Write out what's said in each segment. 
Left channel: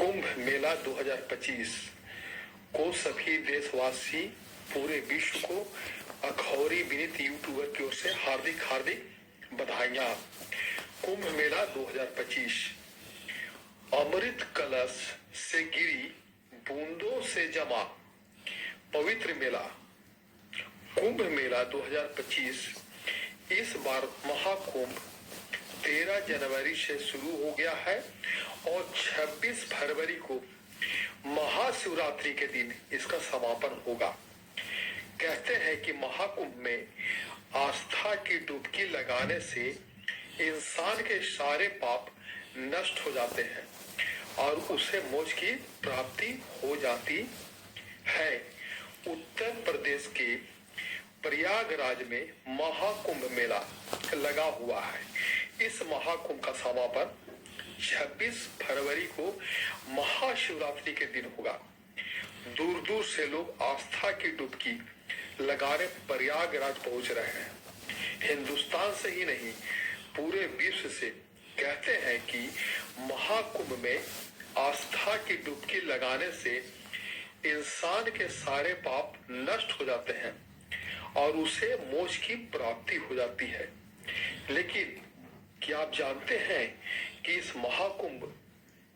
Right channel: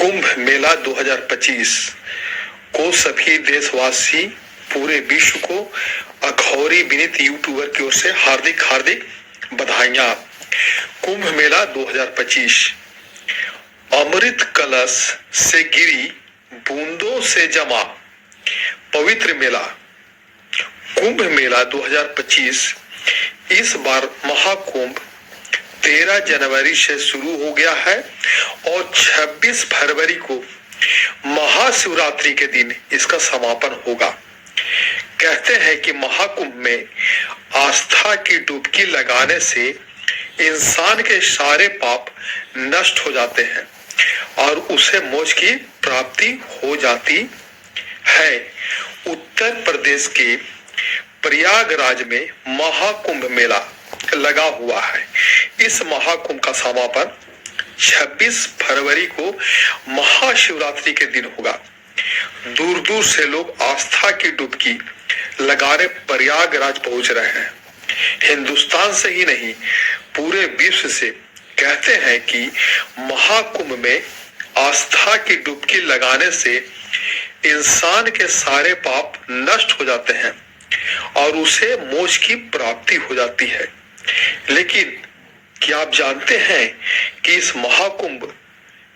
कुंभ मेला 2025 को सभी देशवासी, पूरे विश्व को अखौरी विनीत यूट्यूबर की ओर से हार्दिक हार्दिक बधाइयां। कुंभ मेला 2025 अमृत कलश से गिरी बूंदों से जमा पवित्र मेला। कुंभ मेला 2025 इस बार महाकुंभ 13 जनवरी से शुरू हो गया है और 26 फरवरी को महाशिवरात्रि के दिन इसका समापन होगा। कहते हैं कि महाकुंभ में आस्था की डुबकी लगाने से इंसान के सारे पाप नष्ट हो जाते हैं और उसे मोक्ष की प्राप्ति हो जाती है। उत्तर प्रदेश के प्रयागराज में महाकुंभ मेला लगा हुआ है। इस महाकुंभ का समापन 26 फरवरी को महाशिवरात्रि के दिन होगा। दूर दूर से लोग आस्था की डुबकी लगाने प्रयागराज पहुंच रहे हैं। हिंदुस्तान से ही नहीं, पूरे विश्व से कहते हैं कि महाकुंभ में आस्था की डुबकी लगाने से इंसान के सारे पाप नष्ट हो जाते हैं और उसे मोक्ष की प्राप्ति हो जाती है। लेकिन क्या आप जानते हैं कि इस महाकुंभ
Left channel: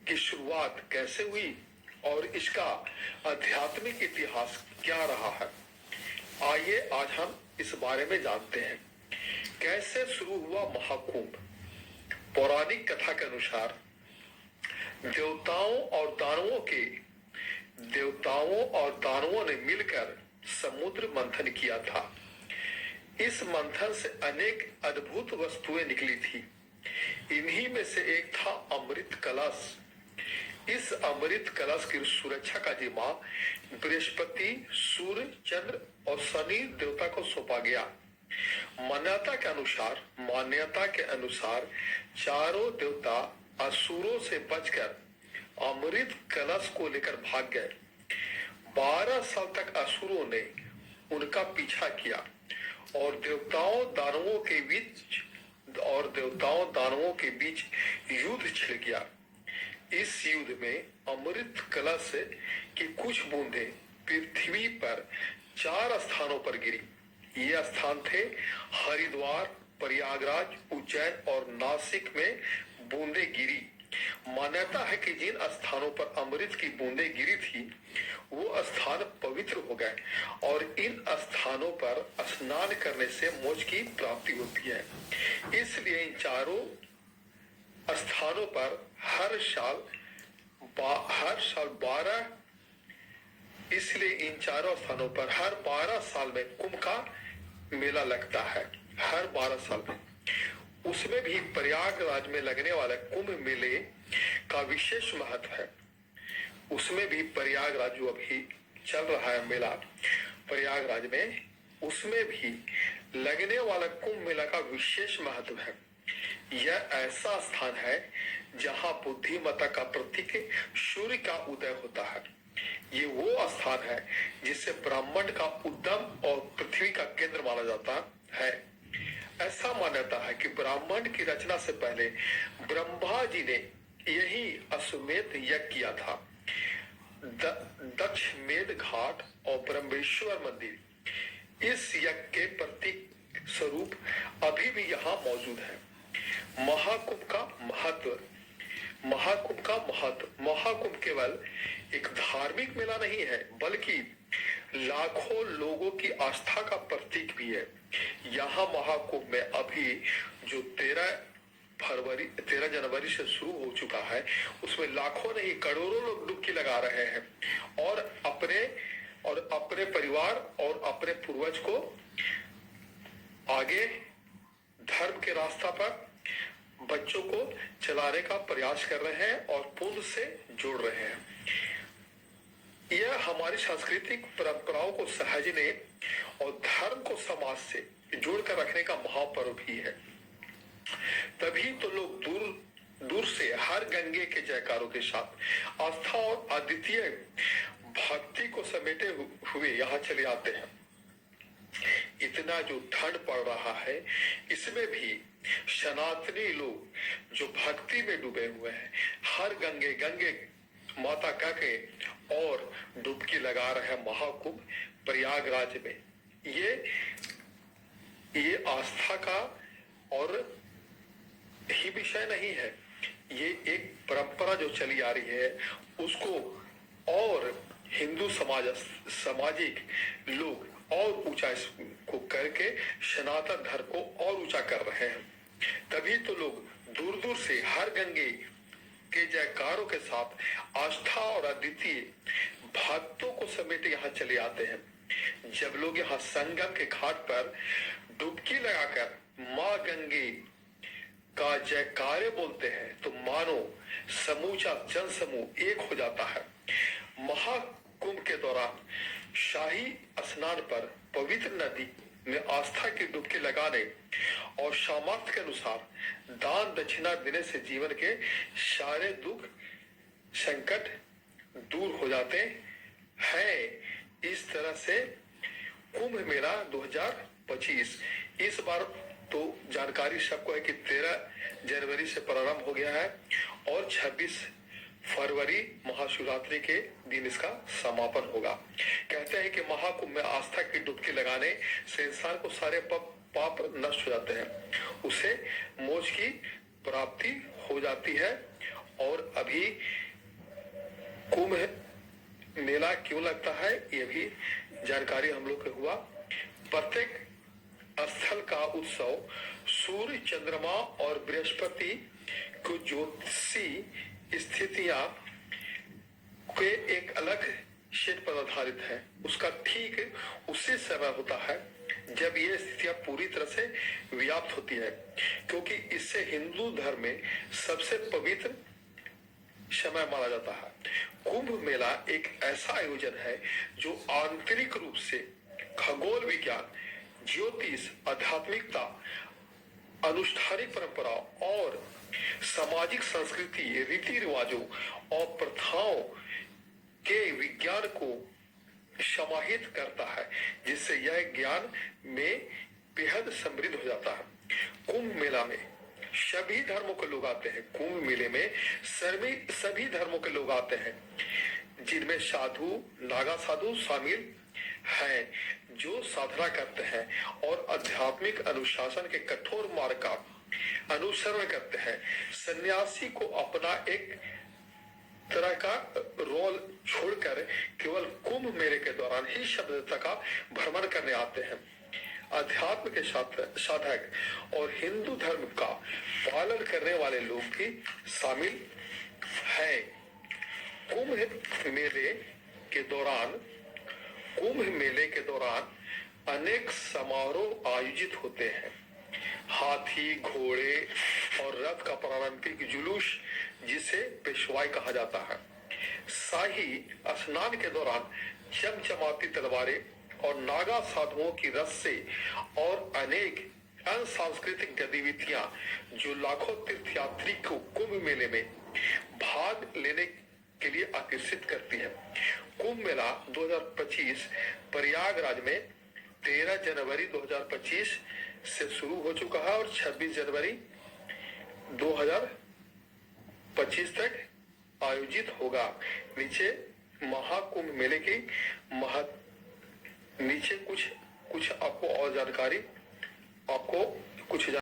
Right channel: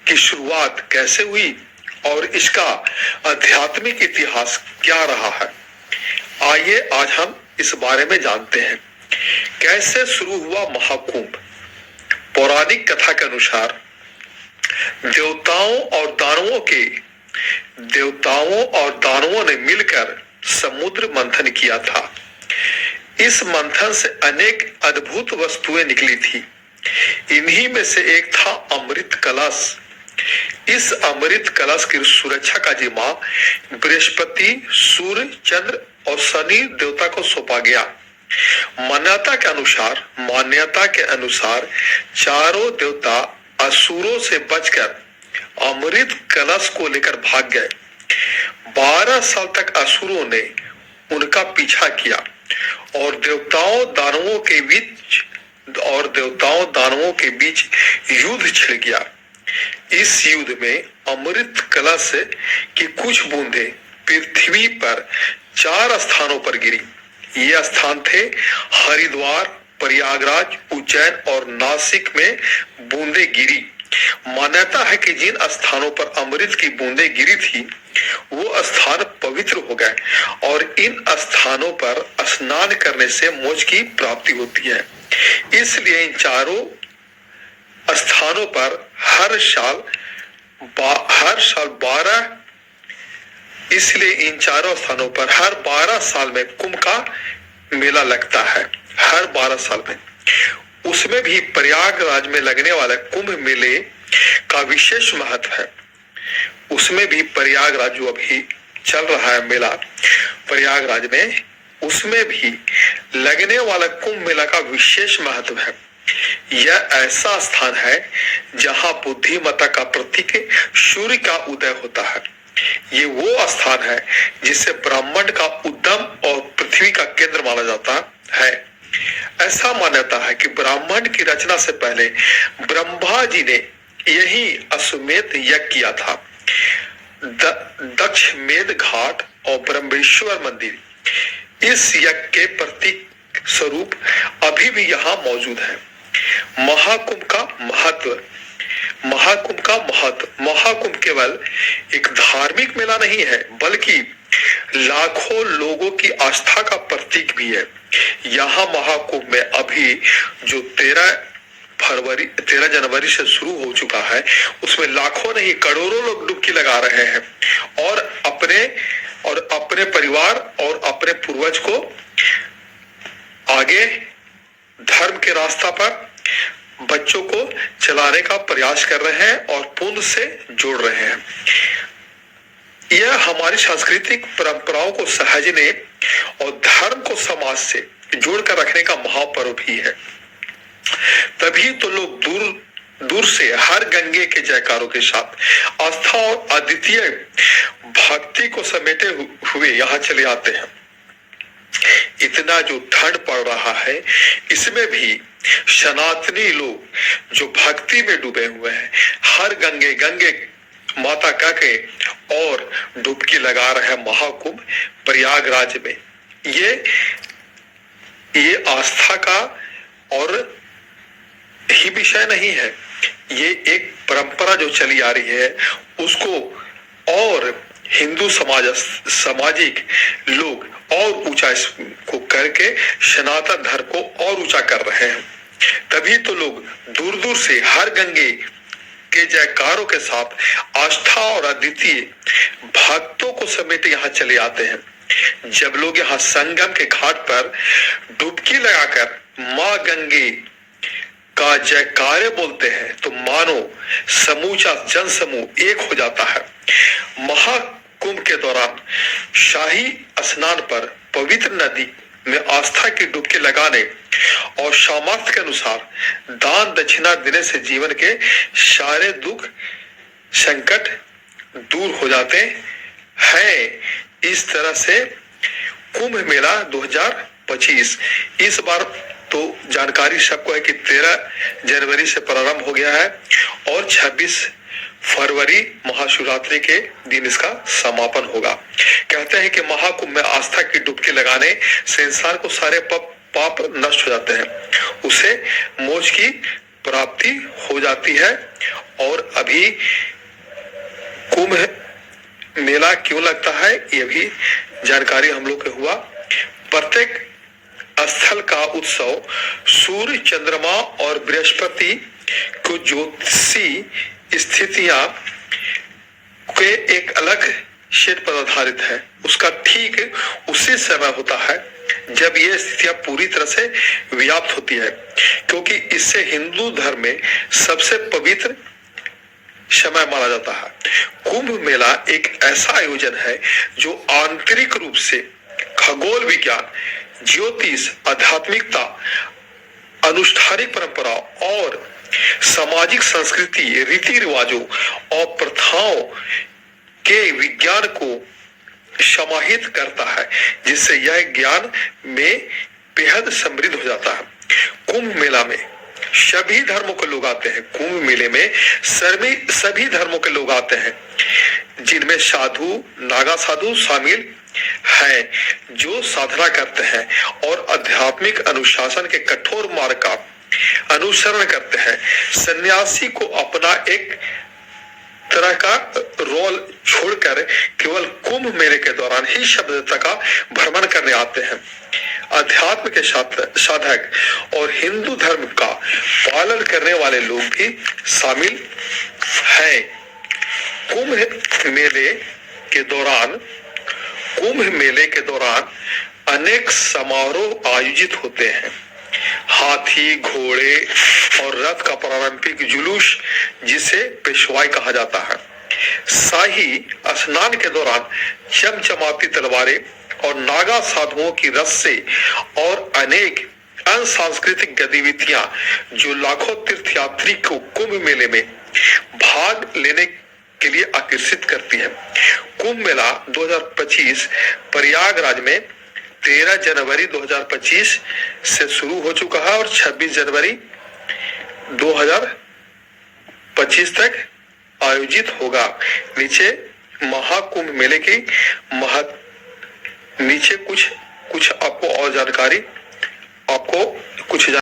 की शुरुआत कैसे हुई और इसका आध्यात्मिक इतिहास क्या रहा है? आइए आज हम इस बारे में जानते हैं। कैसे शुरू हुआ महाकुंभ? पौराणिक कथा के अनुसार देवताओं और दानवों ने मिलकर समुद्र मंथन किया था। इस मंथन से अनेक अद्भुत वस्तुएं निकली थी। इन्हीं में से एक था अमृत कलश। इस अमृत कलश की सुरक्षा का जिम्मा बृहस्पति, सूर्य, चंद्र और शनि देवता को सौंपा गया। मान्यता के अनुसार चारों देवता असुरों से बचकर अमृत कलश को लेकर भाग गए। 12 साल तक असुरों ने उनका पीछा किया और देवताओं दानवों के बीच युद्ध छिड़ गया। इस युद्ध में अमृत कलश की कुछ बूंदें पृथ्वी पर 4 स्थानों पर गिरी। ये स्थान थे हरिद्वार, प्रयागराज, उज्जैन और नासिक में बूंदें गिरी। मान्यता है कि जिन स्थानों पर अमृत की बूंदें गिरी थी वो स्थान पवित्र हो गए और इन स्थानों पर स्नान करने से मोक्ष की प्राप्ति होती है। इसलिए इन चारों स्थानों पर हर साल 12 साल में कुंभ का मेला लगता है। हर 12 साल में, उसमें भी प्रयागराज में लगने वाले कुंभ मेले का विशेष महत्व है। उसमें भी प्रयागराज जो अभी चल रहा है मेला प्रयागराज में, उसमें भी लगने वाला कुंभ मेला का विशेष महत्व है। यह ऐसा स्थान है जहां बुद्धिमत्ता का प्रतीक सूर्य का उदय होता है। ये वो स्थान है जिसे ब्रह्मांड का उद्गम और पृथ्वी का केंद्र माना जाता है। ऐसा मान्यता है कि ब्रह्मांड की रचना से पहले ब्रह्मा जी ने यही अश्वमेध यज्ञ किया था। दक्षमेध घाट और ब्रह्मेश्वर मंदिर इस यज्ञ के प्रतीक स्वरूप अभी भी यहाँ मौजूद है। महाकुंभ का महत्व। महाकुंभ केवल एक धार्मिक मेला नहीं है, बल्कि लाखों लोगों की आस्था का प्रतीक भी है। यहाँ महाकुंभ में अभी जो 13 जनवरी से शुरू हो चुका है, उसमें लाखों नहीं करोड़ों लोग डुबकी लगा रहे हैं और अपने परिवार और अपने पूर्वज को आगे धर्म के रास्ता पर बच्चों को चलाने का प्रयास कर रहे हैं और पुण्य से जोड़ रहे हैं। यह हमारी सांस्कृतिक परंपराओं को सहेजने और धर्म को समाज से जोड़कर रखने का महापर्व भी है। तभी तो लोग दूर से हर गंगे के जयकारों के साथ आस्था और अद्वितीय भक्ति को समेटे हुए यहाँ चले आते हैं। इतना जो ठंड पड़ रहा है, इसमें भी सनातनी लोग जो भक्ति में डूबे हुए हैं, हर गंगे माता कह के और डुबकी लगा रहे महाकुंभ प्रयागराज में। ये आस्था का और ही विषय नहीं है, ये एक परंपरा जो चली आ रही है उसको और हिंदू सामाजिक लोग और ऊंचा इसको करके सनातन धर्म को और ऊंचा कर रहे हैं। तभी तो लोग दूर दूर से हर गंगे के जयकारों के साथ आस्था और अद्वितीय भक्तों को समेट यहाँ चले आते हैं। जब लोग यहाँ संगम के घाट पर डुबकी लगाकर माँ गंगे का जयकारे बोलते हैं तो मानो समूचा जन समूह एक हो जाता है। महाकुंभ के दौरान शाही स्नान पर पवित्र नदी में आस्था की डुबकी लगाने और सामर्थ्य के अनुसार दान दक्षिणा देने से जीवन के सारे दुख संकट दूर हो जाते हैं। इस तरह से कुंभ मेला 2025 इस बार तो जानकारी सबको है कि 13 जनवरी से प्रारंभ हो गया है और 26 फरवरी महाशिवरात्रि के दिन इसका समापन होगा। कहते हैं कि महाकुंभ में आस्था की डुबकी लगाने से इंसान को सारे पाप नष्ट हो जाते हैं, उसे मोक्ष की प्राप्ति हो जाती है। और अभी कुंभ मेला क्यों लगता है ये भी जानकारी हम लोग को हुआ। प्रत्येक स्थल का उत्सव सूर्य चंद्रमा और बृहस्पति को ज्योतिषी स्थितियां के एक अलग क्षेत्र पर आधारित है, उसका ठीक उसी समय होता है जब ये स्थितियां पूरी तरह से व्याप्त होती है, क्योंकि इससे हिंदू धर्म में सबसे पवित्र समय माना जाता है। कुंभ मेला एक ऐसा आयोजन है जो आंतरिक रूप से खगोल विज्ञान, ज्योतिष, आध्यात्मिकता, अनुष्ठानिक परंपरा और सामाजिक संस्कृति, रीति रिवाजों और प्रथाओं के विज्ञान को समाहित करता है, जिससे यह ज्ञान में बेहद समृद्ध हो जाता है। कुंभ मेला में सभी धर्मों के लोग आते हैं। कुंभ मेले में सभी धर्मों के लोग आते हैं, जिनमें साधु, नागा साधु शामिल हैं, जो साधना करते हैं और आध्यात्मिक अनुशासन के कठोर मार्ग का अनुसरण करते हैं। सन्यासी को अपना एक तरह का रोल छोड़कर केवल कुंभ मेले के दौरान ही शब्दता का भ्रमण करने आते हैं। अध्यात्म के साधक और हिंदू धर्म का पालन करने वाले लोग भी शामिल हैं। कुंभ मेले के दौरान अनेक समारोह आयोजित होते हैं। हाथी, घोड़े और रथ का पारंपरिक जुलूस, जिसे पेशवाई कहा जाता है। शाही स्नान के दौरान चमचमाती तलवारें और नागा साधुओं की रस्से और अनेक अन्य सांस्कृतिक गतिविधियां जो लाखों तीर्थयात्री को कुंभ मेले में भाग लेने के लिए आकर्षित करती है। कुंभ मेला 2025 प्रयागराज में 13 जनवरी 2025 से शुरू हो चुका है और 26 जनवरी 2025 तक आयोजित होगा। नीचे महाकुंभ मेले की नीचे कुछ आपको और जानकारी